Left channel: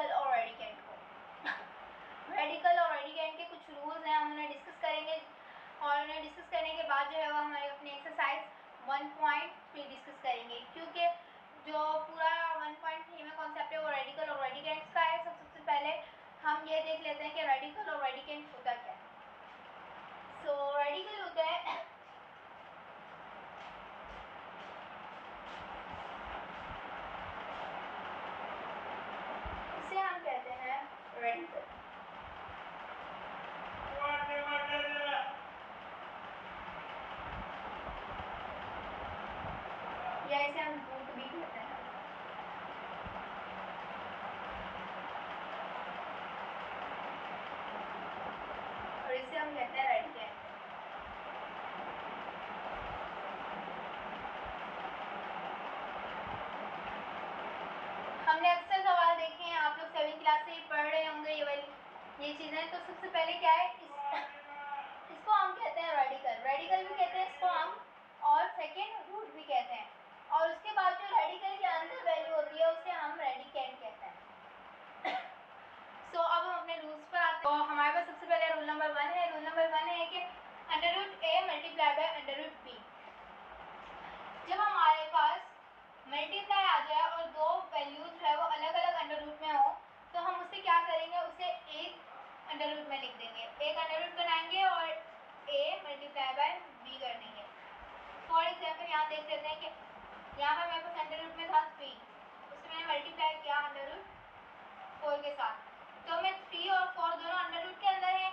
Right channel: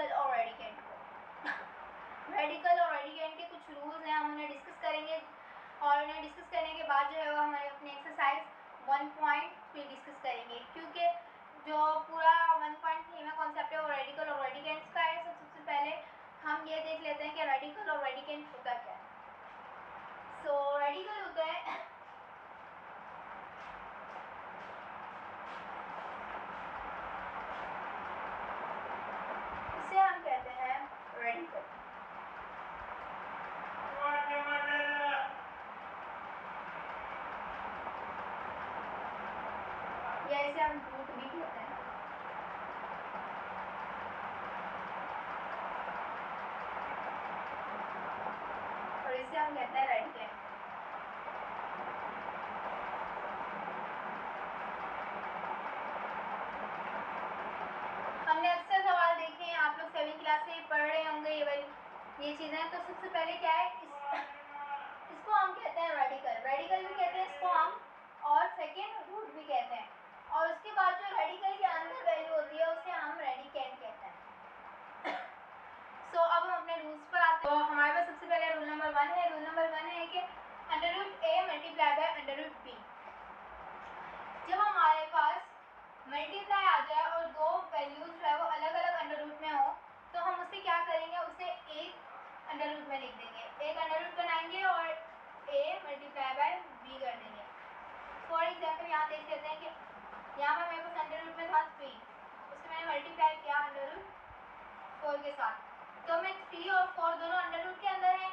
Radical और radicand को। Radical और रेडिकेंट के कुछ रूल्स हैं, हम उन्हें डिस्कस करेंगे और उन्हें डिस्कस करने के बाद जो है वो हमारे अपनी एक्सरसाइज 1.3 डिस्कस करेंगे, क्योंकि जो पूरा 1.3 में कॉन्सेप्ट है वो रेडिकल और रेडिकेंट्स का है। सबसे पहले हम ये देख लेते हैं कि रेडिकल और रेडिकेंट होता क्या है। सो रेडिकल होता है इसे हम कहते हैं रेडिकल, या इसे हम रूट भी कहते हैं। और इसे हम कहते हैं रेडिकेंट। हमने अक्सर सवाल देखे हैं, आप लोग 7वीं क्लास से पढ़ रहे होंगे ये चीज़ें। तो सबसे पहले क्या है, इसको हम कहते हैं रेडिकल, रेडिकल भी कहते हैं इसको हम, और सेकेंड रूट भी कहते हैं। और उसके बाद जो रेडिकल के अंदर वैल्यू होती है उसे हम रेडिकेंट कहते हैं। अब हम अपने रूल्स पर आते हैं। तो हमारे पास सबसे पहले रूल नंबर 1 है। रूल नंबर 1 है कि √a मल्टीप्लाई बाय √b। जब हमारे पास मल्टीप्लाई आ जाए और दो वैल्यूज है वो अलग अलग अंडर रूट में हो, तो हम उसे क्या करेंगे, उसे एक अंडर रूट में लिख देंगे, एक अंडर रूट बनाएंगे और a मल्टीप्लाई बाय b कर देंगे। फॉर एग्जाम्पल यहाँ देख लेते हैं कि यहाँ पर मेरे पास अंडर रूट में था 3, उससे मैंने मल्टीप्लाई किया अंडर रूट 4 के साथ, तो मैं 3 और 4 दोनों अंडर रूट के अंदर है,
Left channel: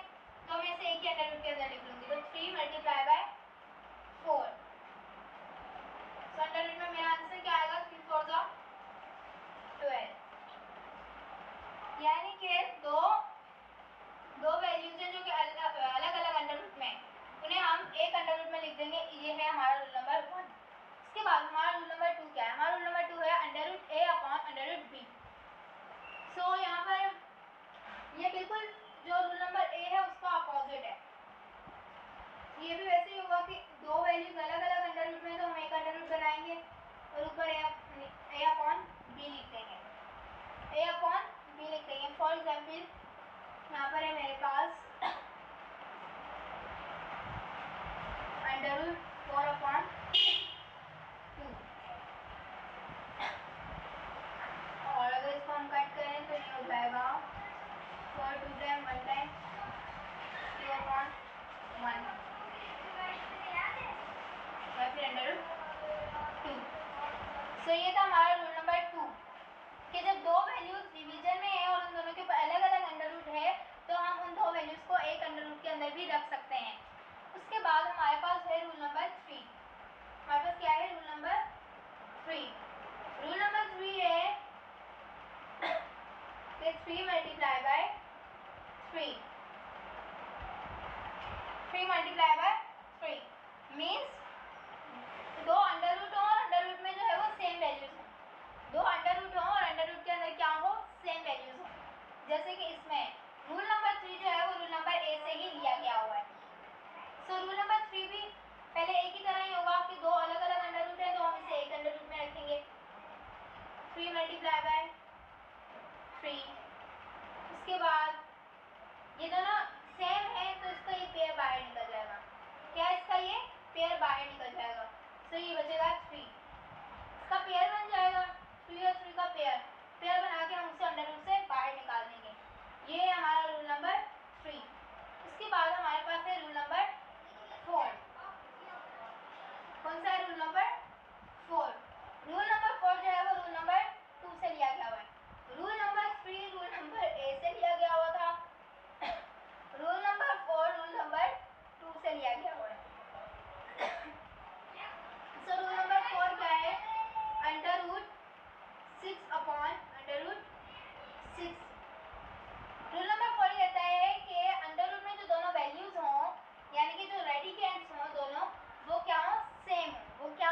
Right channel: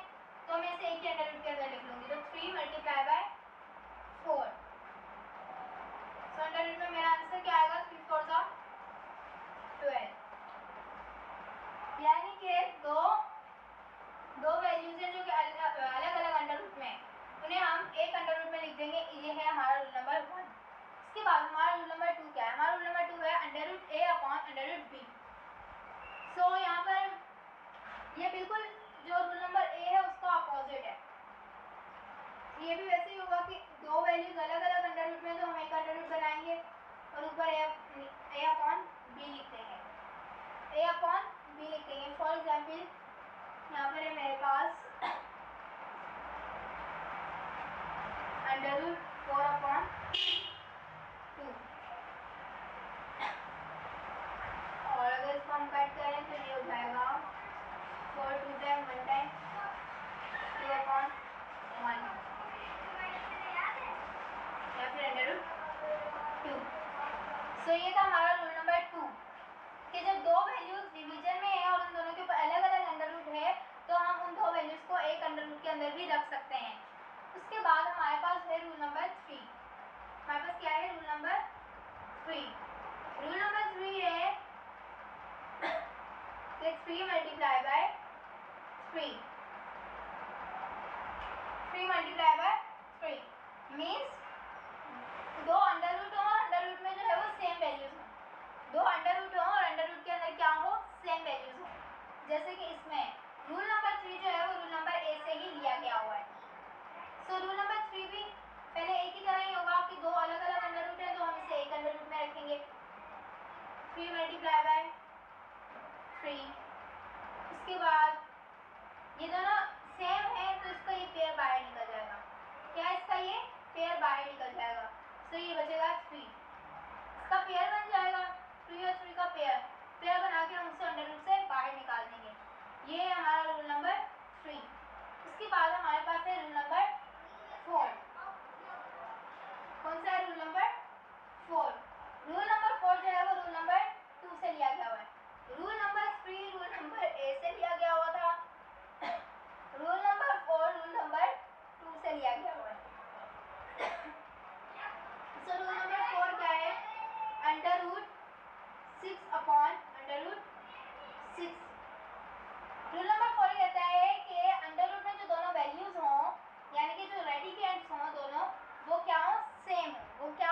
तो मैं इसे एक ही अंडर रूट के अंदर लिख लूँगी। तो 3 मल्टीप्लाई बाय 4, तो अंडर रूट में मेरा आंसर क्या आएगा, 3 4 12। यानी कि दो वैल्यूज हैं जो कि अलग अलग अंडर रूट में, उन्हें हम एक अंडर रूट में लिख देंगे। ये है हमारा रूल नंबर 1। इसके बाद हमारा रूल नंबर 2 क्या है, हमारा रूल नंबर 2 है √a/√b। सो यहाँ पर ये बिल्कुल जो रूल नंबर a है उसका अपोजिट है। ये भी वैसे ही होगा कि दो वैल्यूज अलग अलग अंडर रूट में, तो हम एक अंडर रूट बनाएंगे और ऊपर a/b लिख देंगे, a/b लिख देंगे। फॉर एग्जाम्पल यहाँ पर है मेरे पास √4/2, और अगर इसको हम कट करें तो ये हो जाएगा 4 2 टाइम 1 टाइम 2/1 या फिर √2। सो ये था हमारा रूल नंबर 2 कि जब दो वैल्यूज डिवीजन में है और उन दोनों के ऊपर अलग अलग अंडर रूट है, तो हम उन दो वैल्यूज को एक अंडर रूट के अंदर भी रख सकते हैं। उसके बाद हमारे पास है रूल नंबर 3। हमारे पास क्या है, रूल नंबर 3। रूल नंबर 3 है कि 3 multiply by 3, 3 multiply by 3 means दो अंडर रूट हो और अंडर रूट में जो है वो सेम वैल्यूज हो, दो अंडर रूट हो और अंडर रूट के अंदर क्या हो, सेम वैल्यूज हो। जैसे कि इसमें रूल नंबर 3 जो है वो रूल नंबर a से ही लिया गया हुआ है। सो रूल नंबर 3 भी पहले एक ही तरह ही होगा कि दो अलग अलग अंडर रूट है, तो हम इसे एक अंडर रूट में रखेंगे, 3 मल्टीप्लाई बाय 3। उसके बाद ये दोनों सेम है तो इसका ये पेयर बाहर निकल जाएगा। क्या इसका ये पेयर बाहर निकल जाएगा, तो ये बचेगा 3, इसका पेयर बन जाएगा 3 और 3 का पेयर बना के हम उसे अंडर रूट से बाहर निकाल देंगे। ये है हमारा रूल नंबर 3। इसके बाद हमारे पास है रूल नंबर 4। कौन सा है, रूल नंबर 4। रूल नंबर 4 जो है वो रूल नंबर 2 से लिया गया हुआ है। Rule number 3 rule number a से लिया गया हुआ था, रूल नंबर 4 रूल नंबर 2 से लिया गया हुआ है। सो रूल नंबर 4 क्या है, √6/√6। रूल नंबर 4 कहता है कि अंडर रूट में जो दोनों वैल्यूज हों, यानी कि जो रेडिकेंट्स हों दोनों, वो क्या हो, सेम हो। वो क्या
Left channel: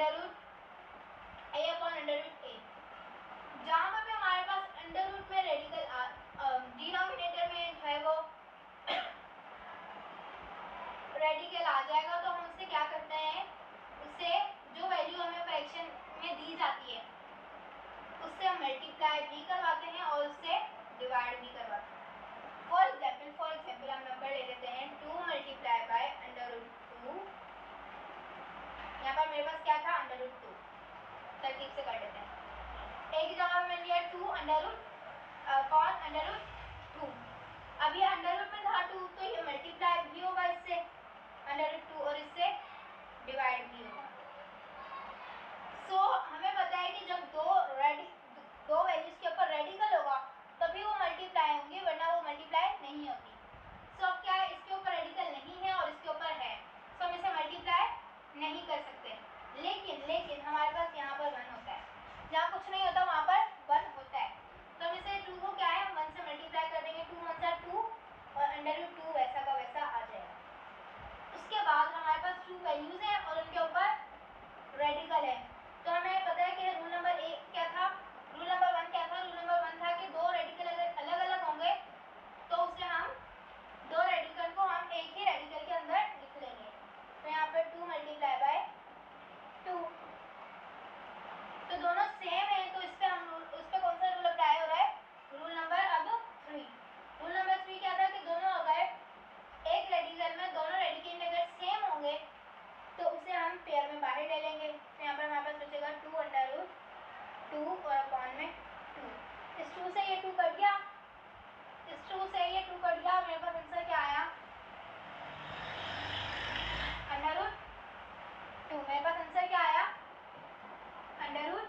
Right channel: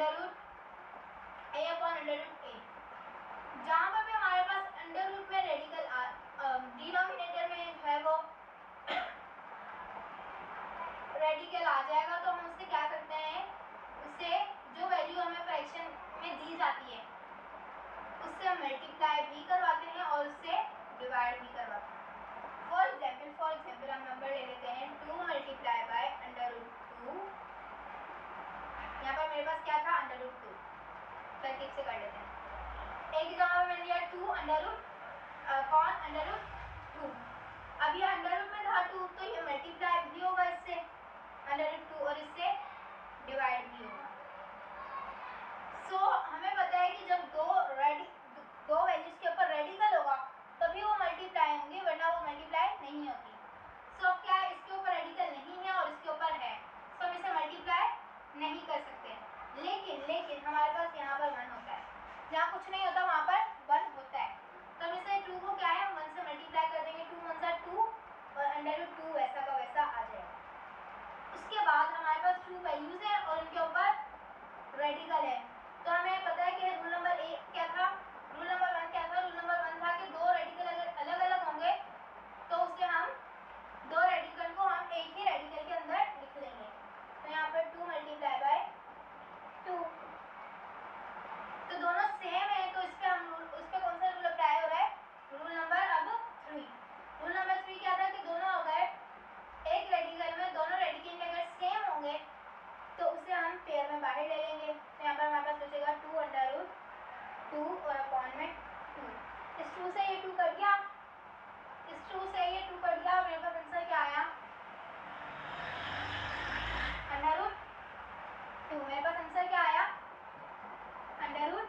अंडर रूट ए अपॉन अंडर रूट ए। जहाँ पर भी हमारे पास अंडर रूट में रेडिकल डिनोमिनेटर में है वो रेडिकल आ जाएगा, तो हम उससे क्या करते हैं, उससे जो वैल्यू हमें फ्रैक्शन में दी जाती है उससे हम मल्टीप्लाई भी करवाते हैं और उससे डिवाइड भी करवाते हैं। फॉर एग्जाम्पल हम नंबर ले लेते हैं 2 मल्टीप्लाई बाय अंडर रूट 2। यहाँ पर मेरे पास क्या था, अंडर रूट 2। तरकीब से कर लेते हैं। एक की जगह पे मैंने लिया 2 under root upon under root 2। अब ये अंडर रूट में था 2, तो ये मल्टीप्लाई भी होगा इससे अंडर रूट 2 और इससे डिवाइड भी होगा। सो हमें पता है कि जब दो वैल्यूज के ऊपर रेडिकल होगा तभी वो मल्टीप्लाई होंगी, वरना वो मल्टीप्लाई नहीं होती। सो अब क्या है, इसके ऊपर रेडिकल नहीं है और इसके ऊपर है, सो हम इसे मल्टीप्लाई नहीं कर सकते। लेकिन हमारे पास यहाँ पर 1 होता है, जहाँ कुछ नहीं होता वहाँ पर 1 होता है, तो हम इसे 2 को क्या है, हम 1 से मल्टीप्लाई कर देंगे। 2 1 सा 2 और अंडर रूट 2 वैसा का वैसा आ जाएगा। उसके बाद हमारे पास 2 वैल्यूज हैं और उनके ऊपर रेडिकल है, तो हमें पता है कि रूल नंबर 1 क्या था, रूल नंबर 1 क्या था। रूल नंबर 1 था कि दो रेडिकल अगर अलग अलग होंगे तो उससे हम दो रेडिकल को हम एक ही रेडिकल के अंदर लिख लेंगे। तो यहाँ पे 2 मल्टीप्लाई बाय 2, तो दोनों सेम है, तो इस पर उस पर कौन सा रूल अप्लाई हो रहा है, रूल नंबर अब 3। रूल नंबर 3 क्या था कि दोनों अगर एक रेडिकल में दोनों रेडिकल अगर सेम होंगे तो उसे हम पेयर में बाहर ले लेंगे। तो यहाँ पर हमारे पास बचेगा 2 अंडर रूट 2 और अपॉन में 2। इस 2 से ये 2 कट गया, इस 2 से ये 2 कट गया, मेरे पास आंसर क्या आया, अंडर रूट 2। मेरे पास आंसर क्या आया, अंडर रूट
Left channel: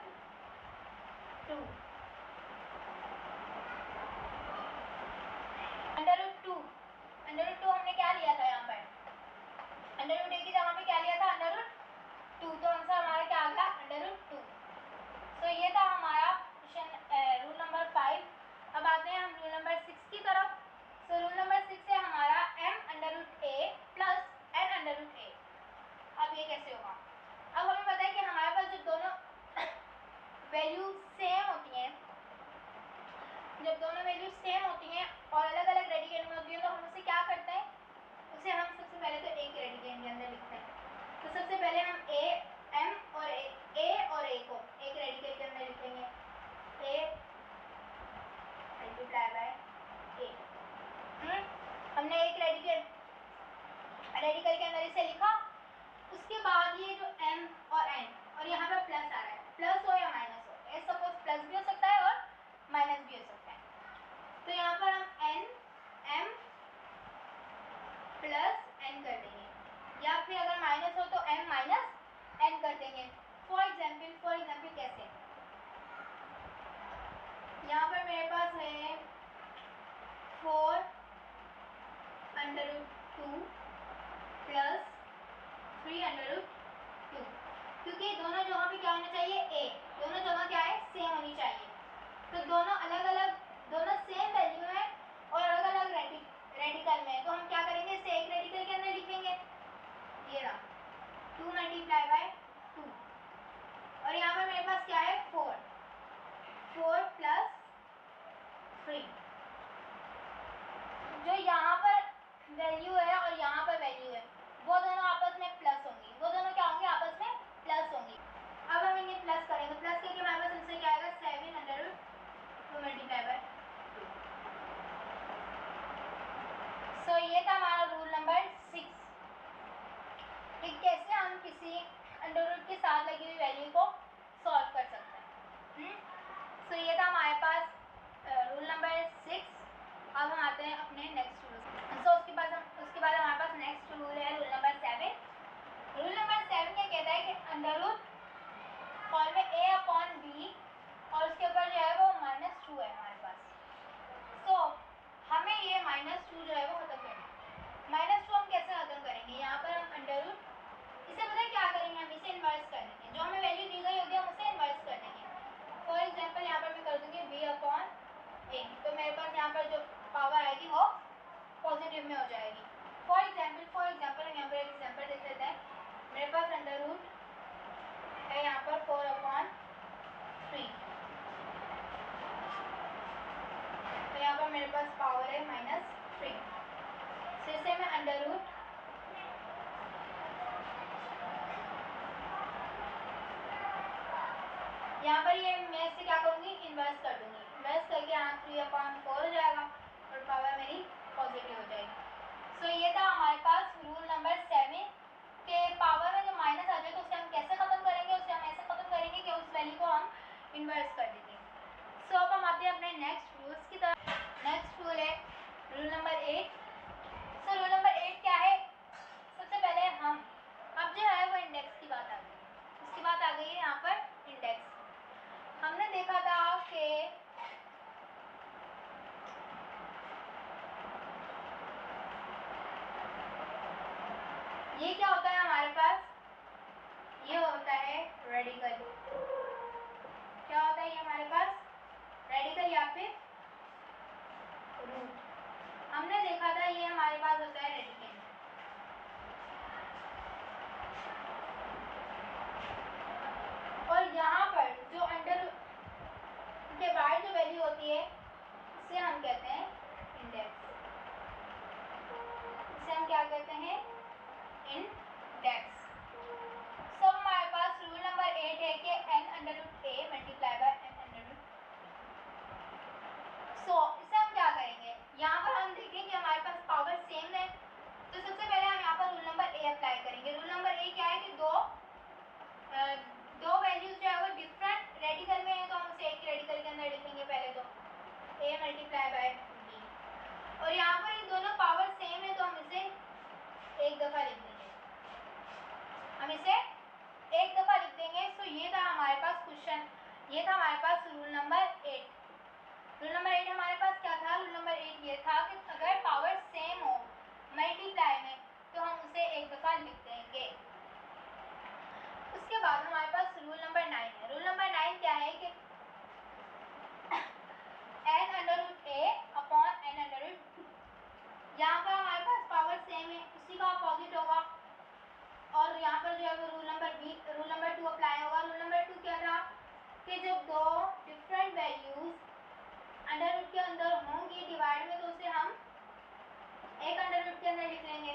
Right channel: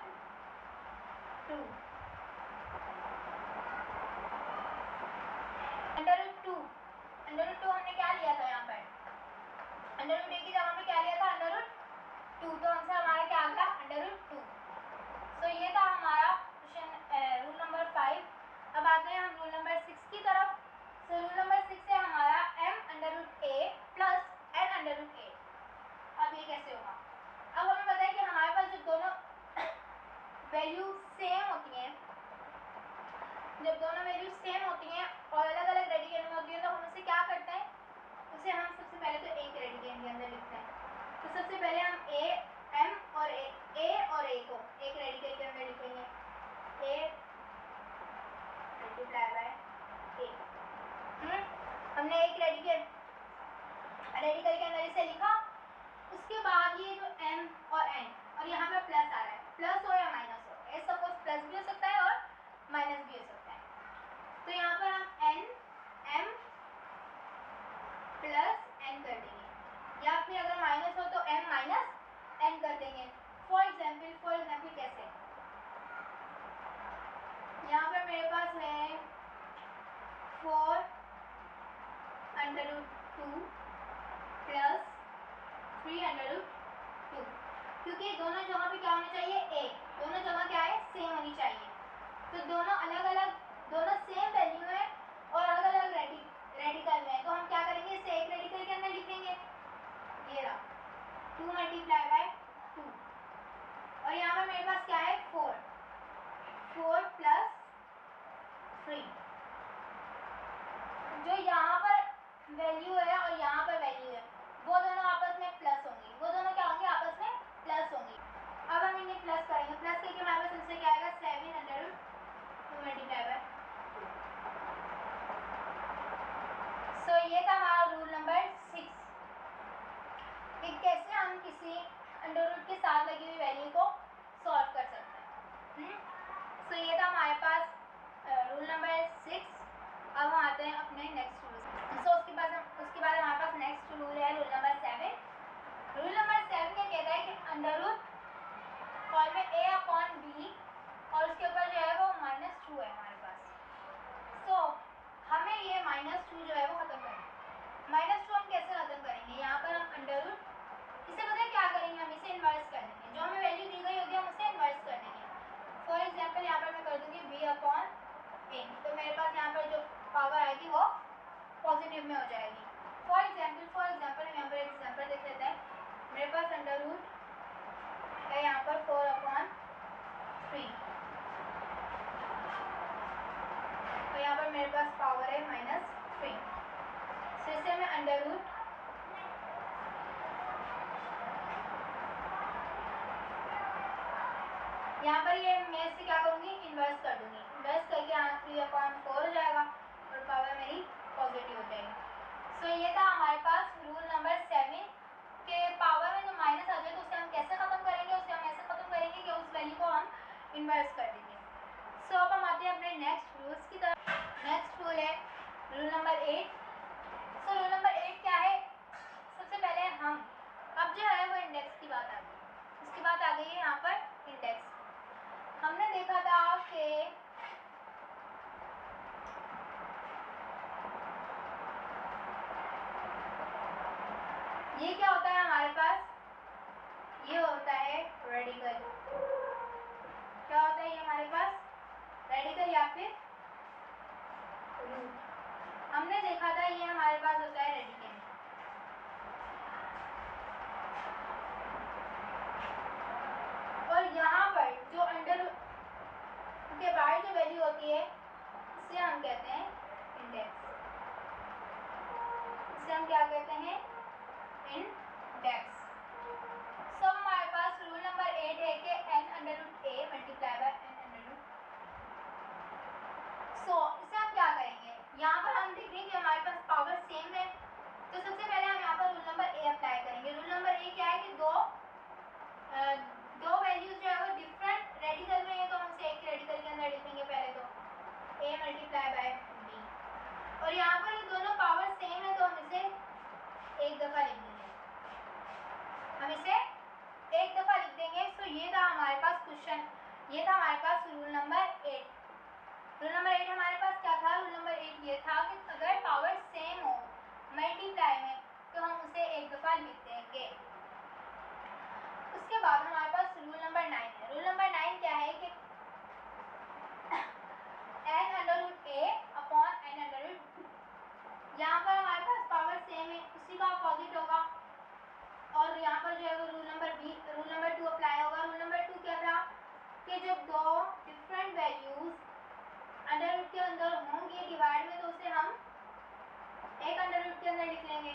2। अंडर रूट 2 हमने क्या लिया था, यहाँ पर अंडर रूट 1 की जगह पे क्या लिया था, अंडर रूट 2, तो आंसर हमारा क्या आ गया, अंडर रूट 2। तो ये था हमारा क्वेश्चन रूल नंबर 5। अब आते हैं हम रूल नंबर 6 की तरफ। सो रूल नंबर 6 है हमारा m under root a plus n under root a। अब ये कैसे होगा, अब हमें पता है कि हमारे पास जब दोनों वैल्यू सेम होती हैं, जब दोनों वैल्यू सेम होती हैं और अलग अलग रेडिकल में होती हैं, तो हम उसे क्या करते हैं, उसे हम सबसे पहले तो एक रेडिकल के अंदर लिखते हैं। तो सबसे पहले हम a और a को एक रेडिकल के अंदर लिखेंगे, a मल्टीप्लाई बाय a। हमने एक रेडिकल के अंदर इसे लिखा। उसके बाद ये जो m और n और यहाँ पर प्लस आ रहा है, प्लस हो या माइनस हो, ए सपोज प्लस भी हो सकता है और माइनस भी हो सकता है। तो यहाँ पर हम m प्लस n कर देंगे, या फिर अगर माइनस हो तो m माइनस n कर देंगे। फॉर एग्जाम्पल कैसे, यहाँ पर मेरे पास है 4 under root 2 plus 3 under root 2, क्योंकि दोनों जगह पे क्या होना चाहिए, a, दोनों जगह क्या है, सेम होनी चाहिए। तो दोनों अलग अलग, दोनों सेम वैल्यू है और अलग अलग रेडिकल में है, तो हम क्या करेंगे, इसे एक रेडिकल के अंदर लिखेंगे। ये रहा 2 मल्टीप्लाई बाय 2 और यहाँ पर मेरे पास क्या है, 4 प्लस 3। जो यहाँ पर वैल्यू है और यहाँ पर वैल्यू है वो दोनों आपस में प्लस होंगी, वो दोनों क्या होंगे, आपस में प्लस होंगी। अब हम इन्हें प्लस करेंगे, प्लस करके हमारे पास इनसे क्या आएगा, 7 अंडर रूट 2 मल्टीप्लाई बाय 2। सो ये था हमारा रूल नंबर 6 कि कैसे हम किसी अंडर रूट के साथ लगी हुई वैल्यू को सॉल्व कर सकते हैं। सो ये था हमारे पास रूल नंबर 6। अब हम आते हैं अपने नेक्स्ट रूल। सो उसके बाद हमारे पास नेक्स्ट रूल है रूल नंबर 7। रूल नंबर 7 क्या कहता है कि अंडर रूट फॉर्म में a अपॉन b और उसके ऊपर जो है वो -2 है हमारे पास। सो हमें ये -2 जो है वो खत्म करना है। -2 हम कैसे खत्म करेंगे, यहाँ पर हम अंडर रूट, इसे पता है क्या करेंगे, हम इसे इन्वर्स कर देंगे, जो हमें वैल्यू दी गई होगी हम उसे इन्वर्स कर देंगे। फॉर एग्जाम्पल यहाँ पर मैं कर दूँगी b अपॉन a, तो मेरे पास यहाँ पर जो पावर आएगी वो पॉजिटिव में हो जाएगी। फॉर एग्जाम्पल हम यहाँ पर यहाँ पर ये मैं इससे क्या करूँगी, इन्वर्स कर दूँगी। इन्वर्स करके यहाँ 3/4 हो जाएगा और पावर मेरी पॉजिटिव हो जाएगी। सो ये था हमारे पास रूल नंबर 7 के पावर में जो माइनस आ जाए तो उसे हम कैसे ख़त्म करेंगे, उसे हम ऐसे ख़त्म करेंगे कि उस वैल्यू को हम इन्वर्स कर देंगे। सो अब हम आते हैं अपने नेक्स्ट रूल्स की तरफ। नेक्स्ट रूल है rule number 8। So rule number 8 क्या है, सबसे पहले हम अब जो है वो इंडेक्स की बात आ गई। इसकी बात आ गई है यहाँ पर इंडेक्स। हमने देखा था कि ये क्या होता है हमारे पास, ये होता है रेडिकल। क्या होता है ये हमारे पास, रेडिकल या फिर रूट। हमने देखा था ये हमारे पास होता है रेडिकल। और यहाँ पर जो अंडर के बाहर जो वैल्यू होती है इसे हम कहते हैं इंडेक्स। इसे हम क्या कहते हैं, इंडेक्स। सो हमारे पास रूल नंबर 8 है कि n/a मल्टीप्लाई बाय n/। सो इसे हम क्या करेंगे, यहाँ पर हम देखेंगे कि हमारे पास पावर सेम है तो सबसे पहले हम यहाँ पर रूल नंबर a अप्लाई करेंगे। रूल नंबर a क्या है कि दो वैल्यूज जो है वो डिफरेंट रेडिकल में है तो हम इसे एक रेडिकल के अंदर लिखेंगे पहले तो a मल्टीप्लाई बाय b। और यहाँ पर ये दोनों पावर सेम है तो हम इसे एक दफ़ा लिख देंगे, हम इसे एक दफ़ा लिख देंगे। सो ये था हमारे पास क्वेश्चन, ये था हमारे पास रूल नंबर 8। रूल नंबर 8 हमारे पास क्या था, रूल नंबर 8 ये था कि अगर पावर सेम हो मल्टीप्लाई में तो हम उसे एक दफ़ा लिख देंगे। उसके बाद हमारे पास रूल नंबर 9 है। रूल नंबर 9 क्या है कि n/a अपॉन n/2। यहाँ पर हमारे पास पावर सेम है, उसी का अपोजिट होगा और यहाँ पर जो है वो रूल नंबर 2 अप्लाई होगा। रूल नंबर 2 क्या था कि जब दो डिफरेंट वैल्यूज अंडर रूट के अंदर होंगी डिवाइड में तो उसे हम एक अंडर रूट के अंदर लिख लेंगे,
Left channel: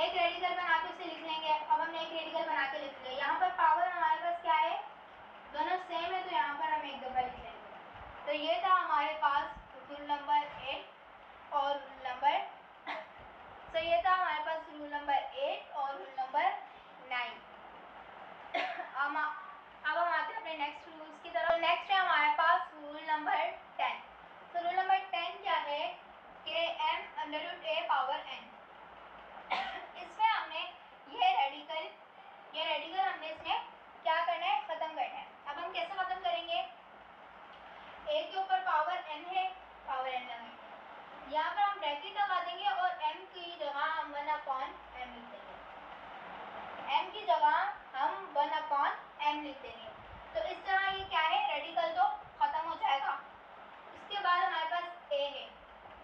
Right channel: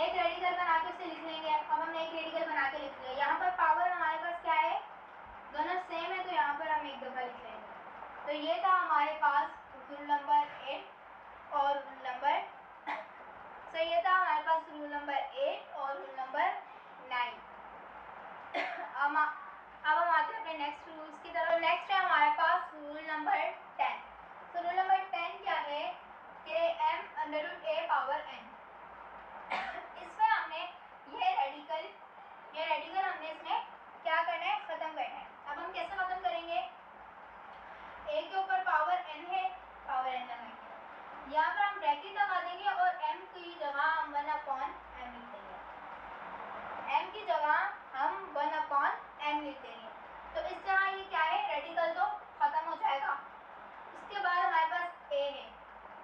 एक रेडिकल बना के उसे लिख लेंगे। अब हमने एक रेडिकल बना के लिख लिया। यहाँ पर पावर हमारे पास क्या है, दोनों सेम है तो यहाँ पर हम एक दफ़ा लिख लेंगे। तो ये था हमारे पास रूल नंबर 8 और रूल नंबर सो ये था हमारे पास रूल नंबर 8 और रूल नंबर 9। अब हम आते हैं अपने नेक्स्ट रूल्स की तरफ। नेक्स्ट है हमारे पास रूल नंबर 10। तो रूल नंबर 10 क्या है कि m/a पावर n। इसमें हमने ये रेडिकल हमने इसमें क्या करना है, ख़त्म करना है। अब हम कैसे ख़त्म करेंगे, a के ऊपर पावर n है, पावर n लगाएंगे, यहाँ पर हम ब्रैकेट लगा देंगे और m की जगह हम 1/m लिख देंगे। m की जगह हम 1/m लिख देंगे। तो इस तरह ये क्या है, रेडिकल तो ख़त्म हो जाएगा। इसके बाद हमारे पास a है,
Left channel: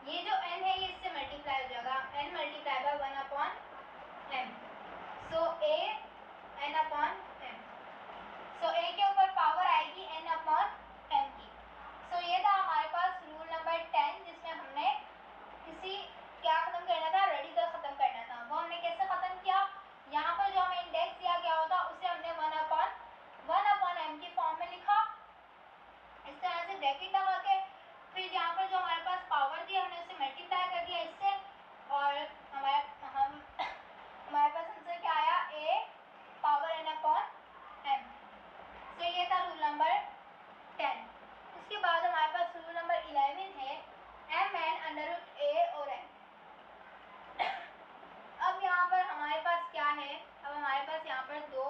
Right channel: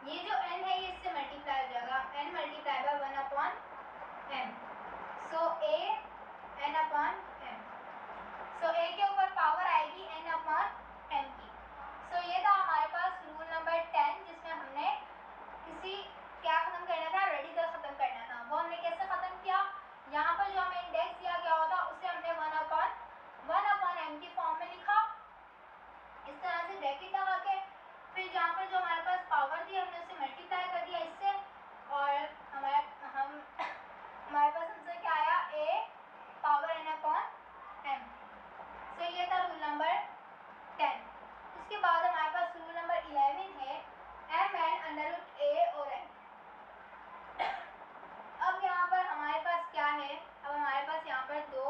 ये जो n है ये इससे मल्टीप्लाई हो जाएगा, n multiply by 1/m। So a n/m। So a के ऊपर पावर आएगी n/m की। सो ये था हमारे पास रूल नंबर 10 जिसमें हमने क्या ख़त्म करना था, रेडिकल ख़त्म करना था। वो हमने कैसे ख़त्म किया, यहाँ पर जो हमें इंडेक्स दिया गया होता उसे हमने 1/m की फॉर्म में लिखा, इस तरह से ब्रैकेट लगा के। फिर यहाँ पर जो हमारे पास पावर थी हमने उसे मल्टीप्लाई कर दिया इससे और हमारे पास आंसर क्या आया, a पावर n/m। सो ये था रूल नंबर 10। उसके बाद हमारे पास रूल नंबर 11 है mn/a और m। अब यहाँ पर हमारे पास क्या है, अब हमारे पास यहाँ पर दो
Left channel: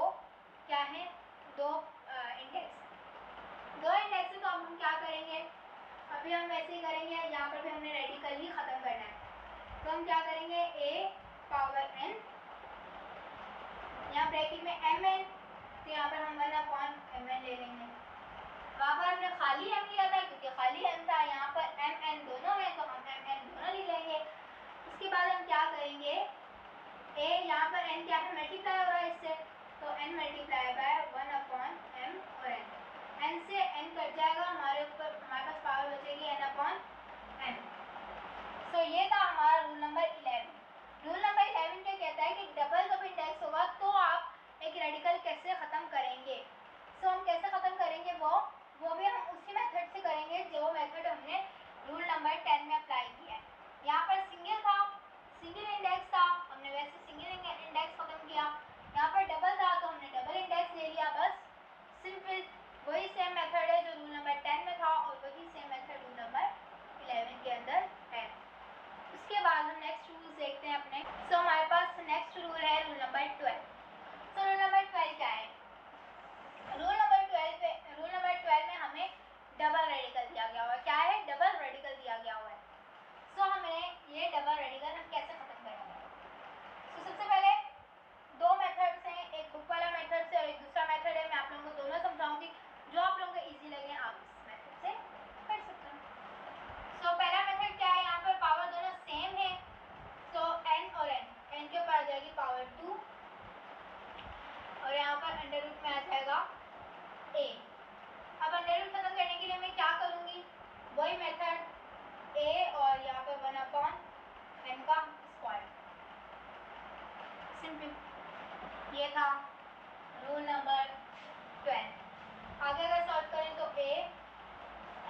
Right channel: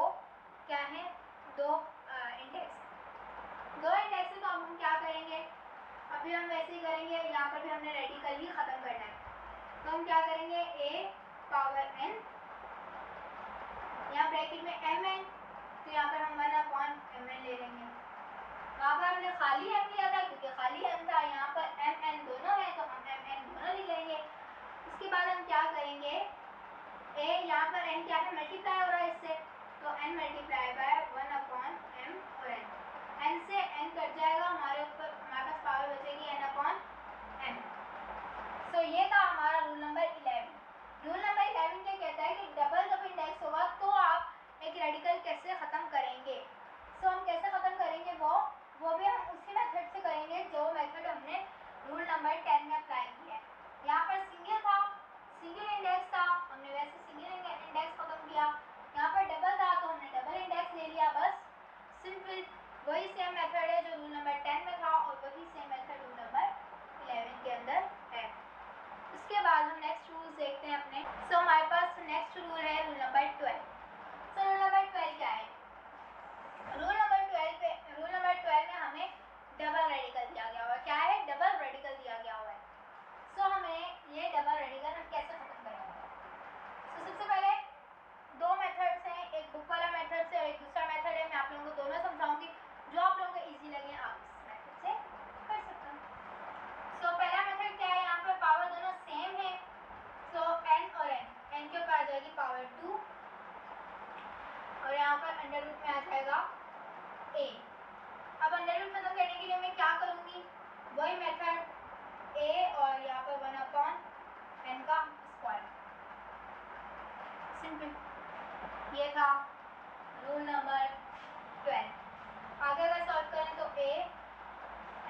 इंडेक्स है तो अब हम क्या करेंगे, अभी हम वैसे ही करेंगे। यहाँ पर भी हमने रेडिकल ही ख़त्म करना है तो हम क्या करेंगे, a पावर n, यहाँ ब्रैकेट में mn, तो यहाँ पर हम 1/mn ले लेंगे। वहाँ पर हमने खाली m लिया था क्योंकि खाली m था, यहाँ पर mn दोनों है तो हम mn दोनों लिख लेंगे। उसके बाद हम क्या करेंगे, a यहाँ पर n क्या है, मल्टीप्लाई हो रहा है इससे, तो n मल्टीप्लाई बाय 1/m और n से n कट जाएगा, हमारे पास पावर बचेगी n/m। सो ये था हमारा रूल नंबर 11। रूल नंबर 11 क्या कहता है कि डबल जब इंडेक्स होगा तो आप एक रेडिकल कैसे ख़त्म अंडर रूट में आ जाएगा a। अब अंडर रूट खत्म करने के लिए मैं क्या करूँगी, वही मेथड a और यहाँ पर 1/n का स्क्वायर। सिंपल, ये था रूल नंबर 12। आगे अगर सॉल्व करें तो a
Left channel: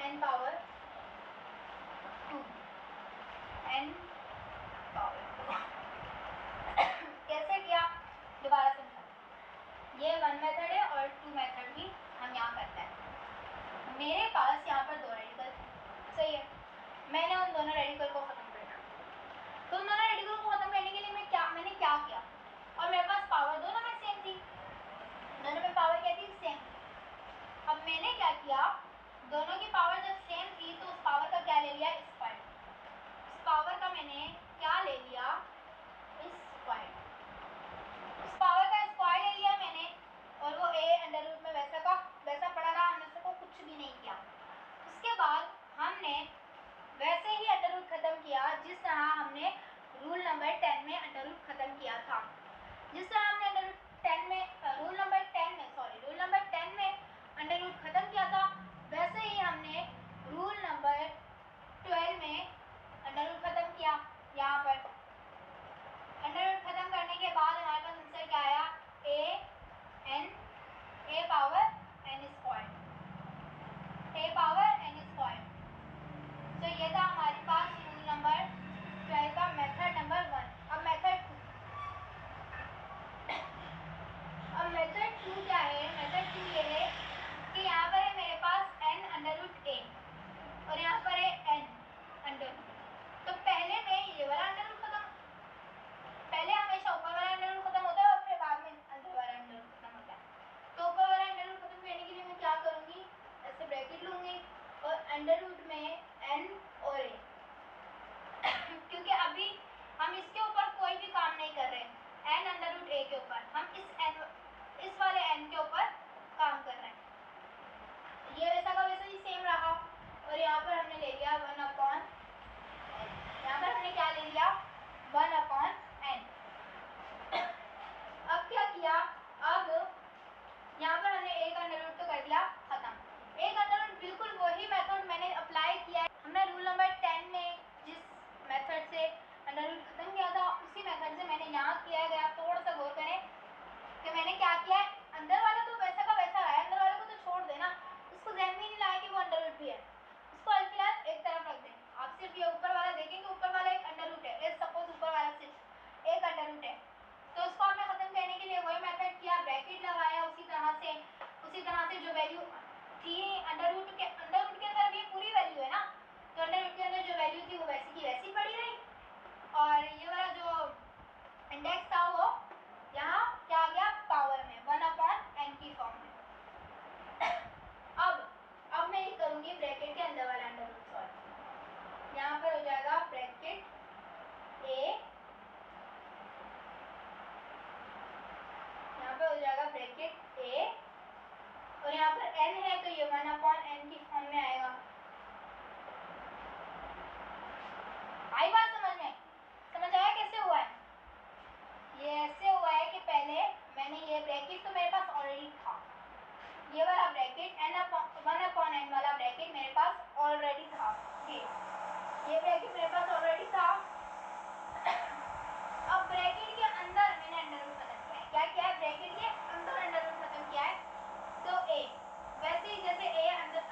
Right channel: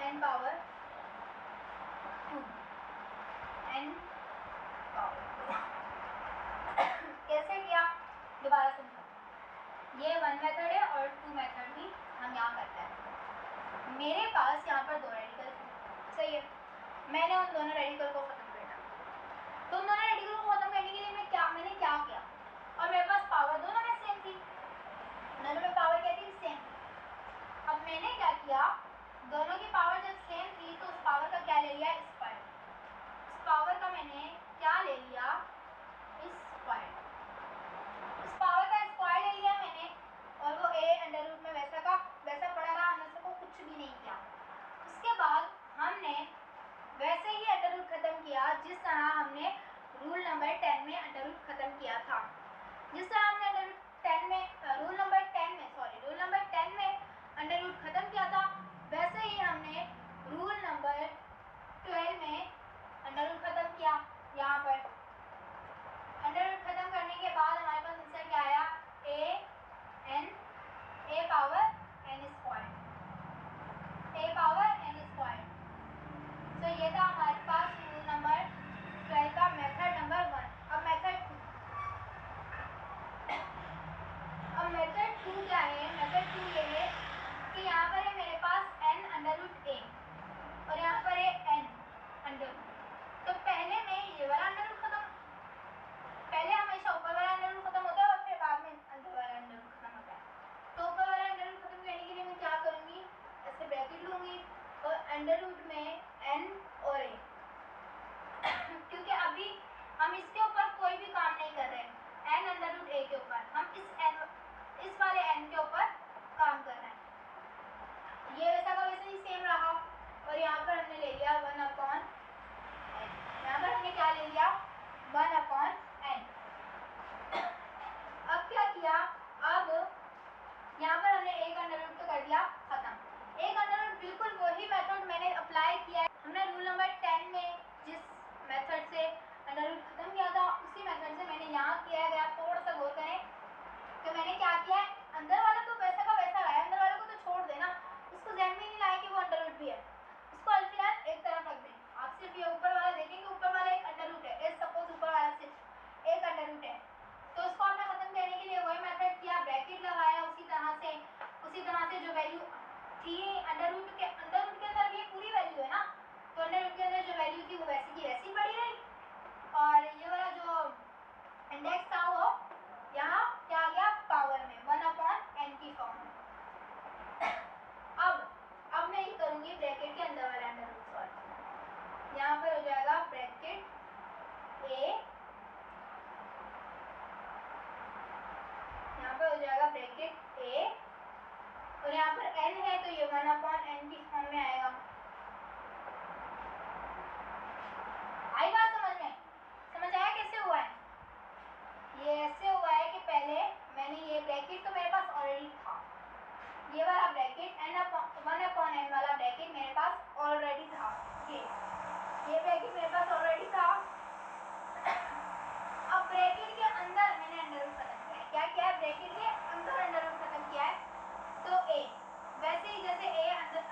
n power 2 n power 2 कैसे किया दोबारा समझा। ये 1 मेथड है और 2 मेथड भी हम यहाँ करते हैं। मेरे पास यहाँ पर 2 रेडिकल सही है, मैंने उन दोनों रेडिकल को ख़त्म करना। तो उन दोनों रेडिकल को ख़त्म करने के लिए मैंने क्या किया, और मेरे पास पावर दोनों में सेम थी, दोनों में पावर क्या थी, सेम। अब मैंने क्या किया, दोनों की पावर जब सेम थी तो उस पावर का क्या ले लिया, स्क्वायर। उस पावर का मैंने क्या ले लिया, स्क्वायर। उस पावर का स्क्वायर ले लिया मैंने, और वो a अंडर रूट में वैसा का वैसा पड़ा रहा, अंदर से को कुछ भी नहीं किया। उसके बाद हमने वैसे ही अंडर रूट खत्म किया जिस तरह हमने रूल नंबर 10 में अंडर रूट खत्म किया था। जिस तरह हमने अंडर रूट 10 में रूल नंबर 10 में अंडर रूट खत्म किया था, वैसे ही हमने रूल नंबर 12 में अंडर रूट खत्म किया। यहाँ पर अंडर रूट खत्म करने के बाद हमारे पास आंसर क्या आया, a power n square, a power n square. तो ये था हमारे पास रूल नंबर 12 का मेथड नंबर 1। अब मेथड 2, अब मेथड 2 क्या है, मेथड 2 ये है कि यहाँ पर है मेरे पास n अंडर रूट a और यहाँ पर है n अंडर रूट। तो पहले मैं ये वाला अंडर रूट खत्म, पहले हमेशा ऊपर वाला अंडर रूट खत्म होता है और फिर बाद में अंदर वाला अंडर रूट खत्म होता है। तो ऊपर वाला अंडर रूट खत्म करने के लिए मैं क्या करूँगी, ऐसे ब्रैकेट लूँगी और अंडर रूट में n और a क्योंकि अभी हम इसके ऊपर कोई भी काम नहीं कर रहे हैं, n अंडर रूट a के ऊपर हम इस वाले n के ऊपर काम कर रहे हैं। ये वैसा का वैसा ही सेम रहा, और यहाँ पर हमने ले लिया 1/n। यहाँ पर हमने क्या ले लिया, 1/n। अब क्या किया, अब यहाँ पर हमने एक अंडर रूट तो कर दिया खत्म। एक अंडर रूट बिल्कुल वही मेथड मैंने अप्लाई किया है, हमने रूल नंबर 10 में जिस मेथड से अंडर रूट खत्म किया था उसी मेथड से मैंने यहाँ किया गया। थोड़ा सा गौर करें कि मैंने क्या किया है, अंदर वाला तो वैसा का वैसा रहा है, अंदर वाले को तो छोड़ देना, उसको ध्यान में नहीं लाया कि वो अंडर रूट भी है, उसको फिलहाल एक तरफ रख दें। आप सिर्फ ये ऊपर वाला देखेंगे, ऊपर वाला एक अंडर रूट है, सपोज ऊपर वाला सिर्फ एक अंडर रूट है, तो उसको आपने खत्म करने के लिए वही मेथड किया, ब्रैकेट लगाया, उसी तरह से जो वैल्यू थी अंडर रूट के अंदर भी पूरी वैल्यू है ना, तो अंडर रूट के अंदर जो वैल्यू थी वो वैसी की वैसी पड़ी रही, और ये वाला जो इंडेक्स था वो यहाँ क्या आ गया, पावर में 1/n की फॉर्म में। अब मैं ये करूँगी ब्रैकेट के अंदर वाला अंडर रूट सॉल्व। यहाँ पर हो जाएगा ब्रैकेट a, यहाँ पर हो जाएगा ब्रैकेट a, और यहाँ पर n है तो ये 1/n की फॉर्म में आएगा। आई बात समझ में, समझ आया कैसे हुआ है? ये ऐसे हुआ है कि पहले मैंने ये ब्रैकेट तो मेरे पास ऑलरेडी था, ये वाला ब्रैकेट 1/n वाला ब्रैकेट मेरे पास ऑलरेडी था, ये ब्रैकेट मेरे पास ऑलरेडी था। अब ब्रैकेट के अंदर मैंने अंडर रूट खत्म किया है, क्या किया है, ब्रैकेट के अंदर अंडर रूट खत्म किया है। तो a वैसे ही जैसे a अंदर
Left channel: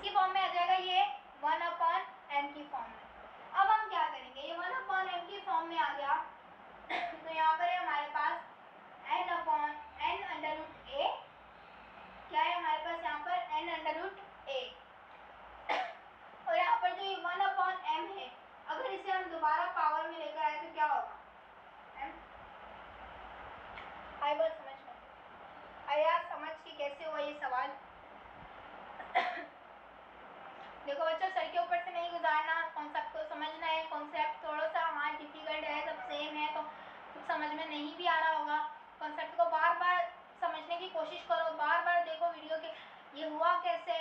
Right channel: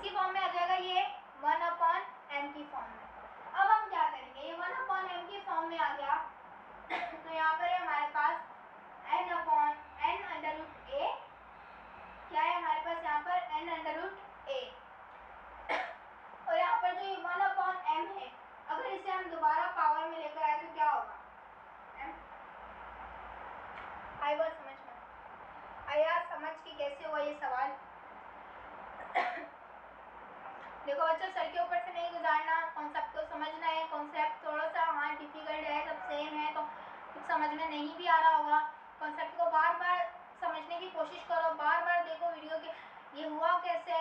किसकी फॉर्म में आ जाएगा, ये 1/m की फॉर्म में। अब हम क्या करेंगे, ये 1/m की फॉर्म में आ गया तो यहाँ पर है हमारे पास n/n√a, क्या है हमारे पास यहाँ पर n/√a, और यहाँ पर जो ये 1/m है, अगर इसे हम दोबारा पावर में लेकर आए तो क्या होगा, आई बात समझ में आया, समझ के कैसे हुआ ये सवाल। देखो बच्चों, सर के ऊपर से नहीं गुजारना, कॉन्सेप्ट को समझना है। कॉन्सेप्ट थोड़ा सा हाँ डिफिकल्ट है, सब सेम है तो कुछ समझ में नहीं भी आ रहा होगा। कॉन्सेप्ट को बार बार समझने की कोशिश करो, बार बार देखो वीडियो के ये हुआ कैसे,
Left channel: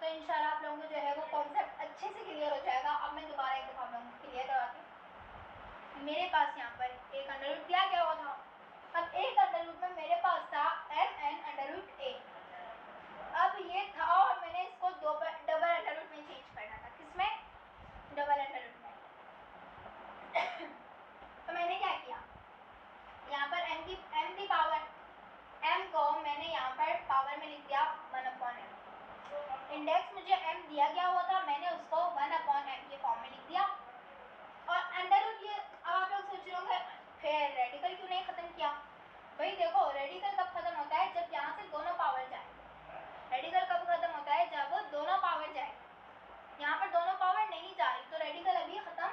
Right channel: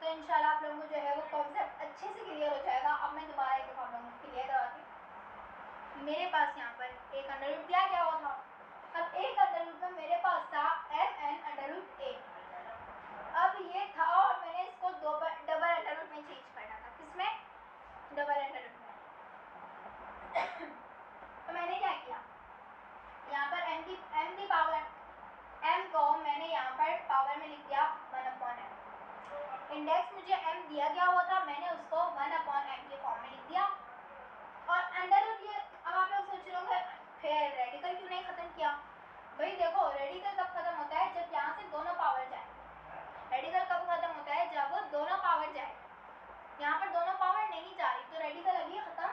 तो इंशाल्लाह आप लोगों को जो है वो कॉन्सेप्ट अच्छे से क्लियर हो जाएगा। अब मैं दोबारा एक दफ़ा आप लोगों को क्लियर करवाती हूँ। मेरे पास यहाँ पर एक अंडर रूट दिया गया हुआ था। अब एक अंडर रूट में मेरे पास था mn/√a। अब ये था और मैंने इसको डबल अंडर रूट में चेंज करना था, किसमें, डबल अंडर रूट में। तो मैंने क्या किया, यहाँ पर m की पावर, m को मैंने यहाँ पर पावर में लिख दिया 1/m। इंडेक्स मुझे m दिया गया हुआ था, मैंने उसको 1/m के फॉर्म में लिख दिया। और अंडर रूट, ये अब आप लोग सोच रहे होंगे फिर रेडिकल क्यों नहीं ख़त्म किया। भाई देखो, रेडिकल कब ख़त्म होता है, जब यहाँ से दोनों पावर जाए। रेडिकल कब ख़त्म होता है, जब दोनों पावर जाए। यहाँ पर दोनों पावर नहीं जा रही तो रेडिकल अभी ख़त्म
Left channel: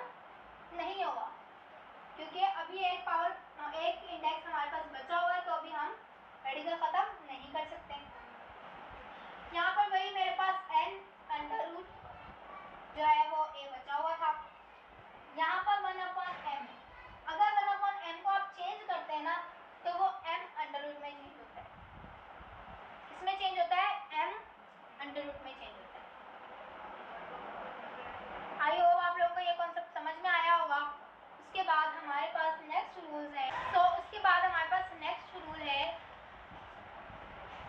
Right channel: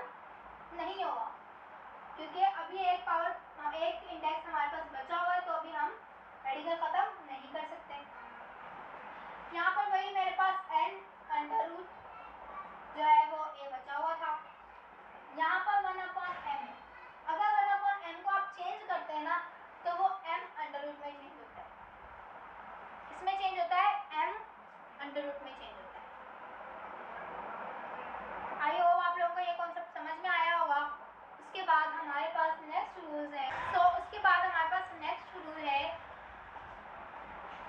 नहीं होगा, क्योंकि अभी एक पावर, एक इंडेक्स हमारे पास बचा हुआ है, तो अभी हम रेडिकल ख़त्म नहीं कर सकते। यहाँ पर वही मेरे पास n/√ जो है वो a बचा हुआ था। यहाँ पर 1/m है। अगर 1/m को आप चेंज करते हैं ना, तो वो m/√ में चेंज होता है। किसमें चेंज होता है, m/√ में चेंज होता है। आई होप आप लोगों को ये कॉन्सेप्ट समझ में आया होगा। उसके बाद हमारे पास नेक्स्ट रूल्स है। उसके बाद हमारे पास नेक्स्ट रूल है,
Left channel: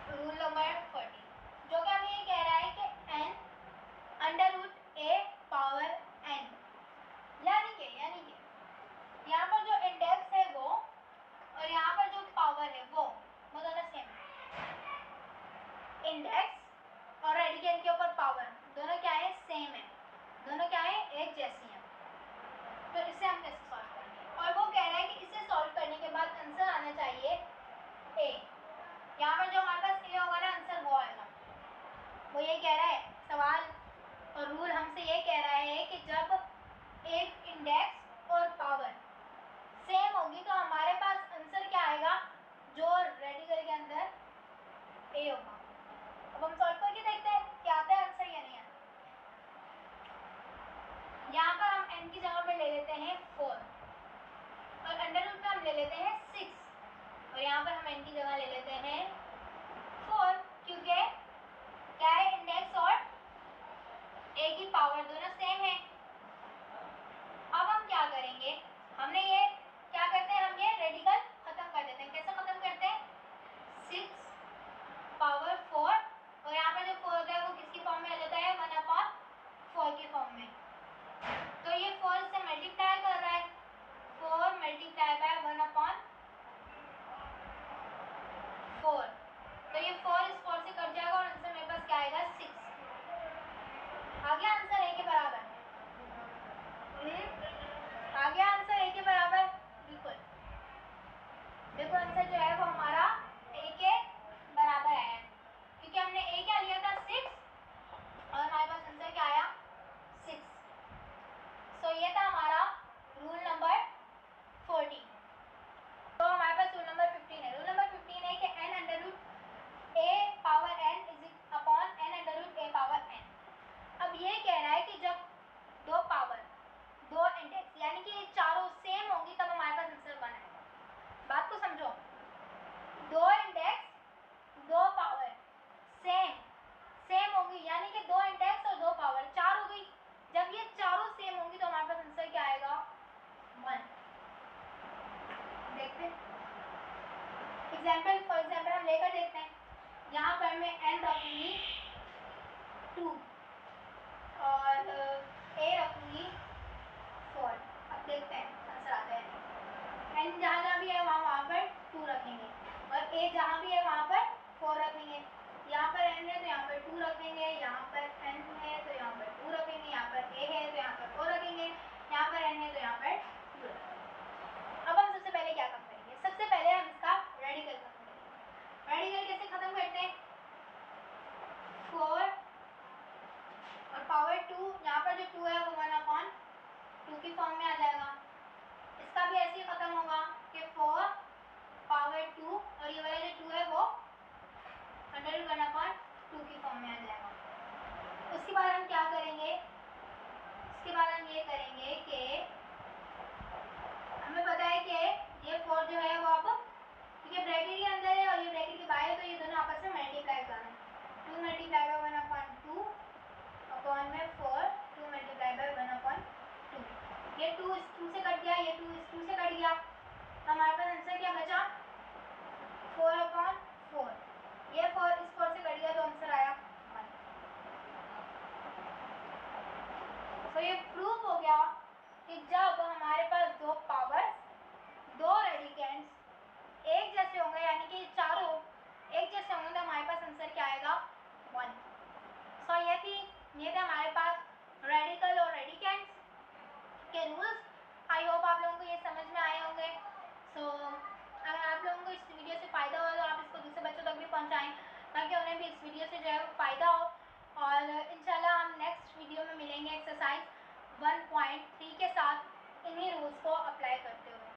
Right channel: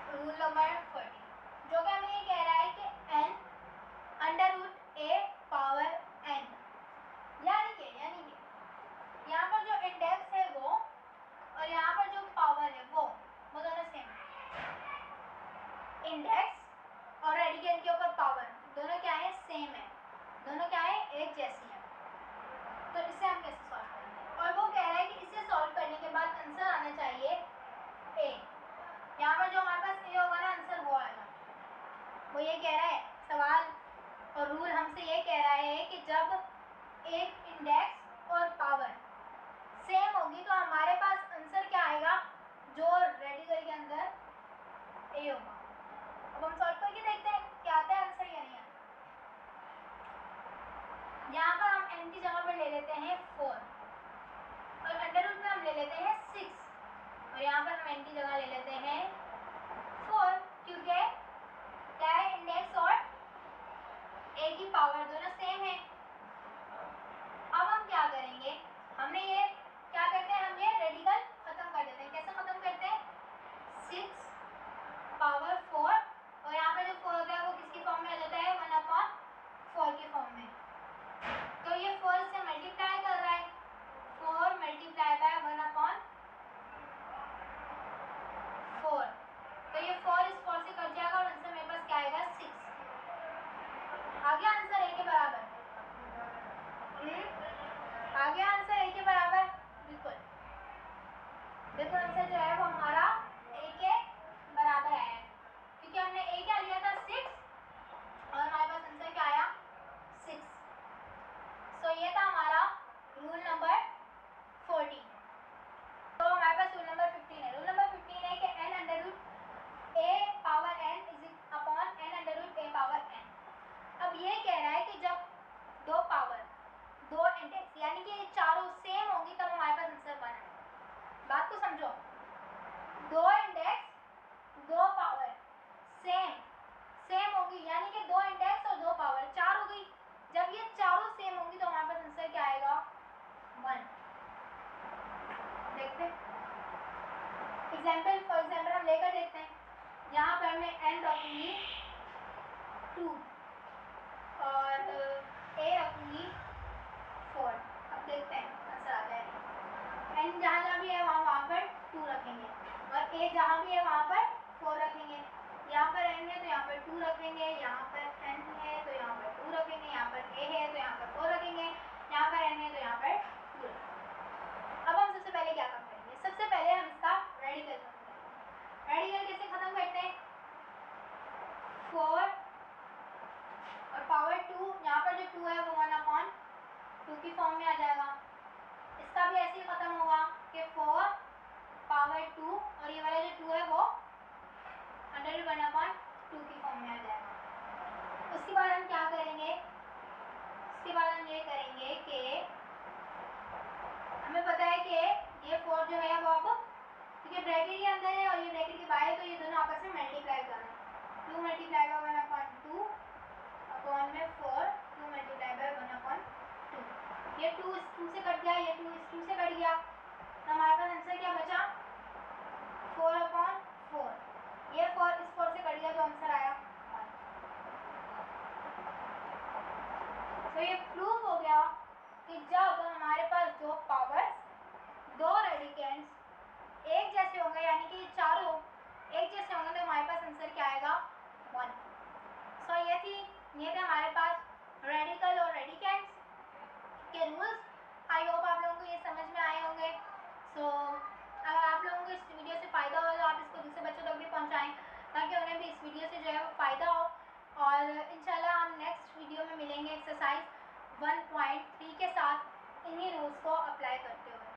रूल नंबर 40, जो कि हमें ये कह रहा है कि n/√a पावर n, यानी कि यहाँ पर जो इंडेक्स है वो और यहाँ पर जो पावर है वो दोनों सेम है। इंडेक्स और रेडिकल के ऊपर पावर दोनों क्या है, सेम है, दोनों क्या है, एक जैसी हैं। तो इसे हम कैसे सॉल्व करेंगे, और वो कह रहा है कि इसे सॉल्व करने के बाद आंसर आना चाहिए a। यहाँ पर जो हमारे पास a होगा ना, आंसर वो आएगा। वो ये कह रहा है सवाल और रूल हमसे ये कह रहा है कि जब एक इंडेक्स और पावर सेम होगी तो हमारे पास आंसर क्या आएगा, जो रेडिकल के अंदर a होगा। अब हम सॉल्व करके देखते हैं क्या आता है आंसर या नहीं आता। यहाँ पर हम n की जगह पर ले लेते हैं 4 और अंडर रूट में हम ले लेते हैं 6, और यहाँ पर हम n की जगह ले लेते हैं 4, क्योंकि क्या है, इंडेक्स और a की पावर दोनों सेम है। अब हम क्या करेंगे, हमने ये क्या करते हैं, हम ये रेडिकल खत्म कर देते हैं। कैसे खत्म करते हैं, 6/4 और यहाँ पर जो 4 होता है वो किसकी फॉर्म में आ जाता है, 1/4 के फॉर्म में। तो ये 4 से मल्टीप्लाई कर रहा है, 4 × 1/4, तो ये 4 इस 4 से कट जाएगा और आंसर मेरे पास क्या आएगा, 6। आ गया आंसर a के बराबर, आ गया आंसर a के बराबर, बिल्कुल। देखो आंसर जो है वो हमारा a के बराबर आया है, क्योंकि हमने a क्या लिया था, 6, और हमारे पास आंसर क्या आया, 6। सो ये था हमारा रूल नंबर 14। तो हमारे पास रूल नंबर 15 है। रूल नंबर 15 है कि n/√a power n upon n/√a power n। अब ये कह रहा है कि जब दो पावर, दो इंडेक्स यानी कि चारों सेम होंगी तब हमारे पास आंसर 1 आएगा। बात को समझो, दो इंडेक्स, दो पावर सेम होंगी, यानी कि दो इंडेक्स और दो पावर 4 हो गई। जब ये चारों सेम होंगी तो हमारे पास आंसर क्या आएगा, 1। देखते हैं एग्जाम्पल, फॉर एग्जाम्पल हम लेकर देखते हैं। यहाँ पर मैं n रखूँगी 2 और a रखूँगी 4। अब देखते हैं आंसर आता है नहीं। n जहाँ जहाँ भी है वहाँ पर 2 रखेंगे और a जहाँ भी है वहाँ पर 4 रखेंगे। यहाँ पर n है तो यहाँ पर 2 रखेंगे, यहाँ पर n है तो यहाँ पर 2 रखेंगे, यहाँ पर a है तो यहाँ पर 4 रखेंगे, यहाँ पर n है तो यहाँ पर 2 रखेंगे। अब हम सबसे पहले क्या काम करेंगे, सबसे पहले हम इसका रेडिकल खत्म करेंगे। रेडिकल कैसे खत्म करते हैं, 4 और पावर 2, यहाँ पर जो 2 है वो 1/2 की फॉर्म में आ जाएगा। इसका भी ऐसे ही खत्म होगा कि 4 पावर 2 और ये वाला जो 2 है वो √1/2 की फॉर्म में आ जाएगा। उसके बाद हम क्या करेंगे, उसके बाद हम ये करेंगे कि हमें पता है कि ये 4 जो है वो अब क्योंकि ब्रैकेट के अंदर है और ये ब्रैकेट के बाहर है तो ये दोनों आपस में मल्टीप्लाई करना है। 2 मल्टीप्लाई बाय 1/2 अपॉन में 4, 2 मल्टीप्लाई बाय 1/2। ये 2 इस 2 से कट गया, ये 2 इस 2 से कट गया, तो हमारे पास आंसर क्या बचा, 4/4। ये 4 इस 4 से कट गया तो आंसर आया 1। तो ये प्रूफ हो गया कि जब हमारे पास दो पावर्स, दो रेडिकेंड्स एक जैसे होंगे, यानी कि चारों एक जैसे होंगे, तो हमारे पास आंसर क्या आएगा, 1। सो ये थे हमारे पास रेडिकल और रेडिकेंड्स के रूल्स। आई होप आप लोगों को ये समझ में आए होंगे। सो अगर आप लोगों को इस वीडियो से फ़ायदा हो तो आप इसको दूसरे बच्चों तक भी पहुंचाएं ताकि उन्हें भी इस वीडियो से जो है वो फ़ायदा हो। और इंशाल्लाह हम नेक्स्ट वीडियो में मिलेंगे एक्सरसाइज 1.3 के साथ इन्हीं रूल्स को अप्लाई करते हैं।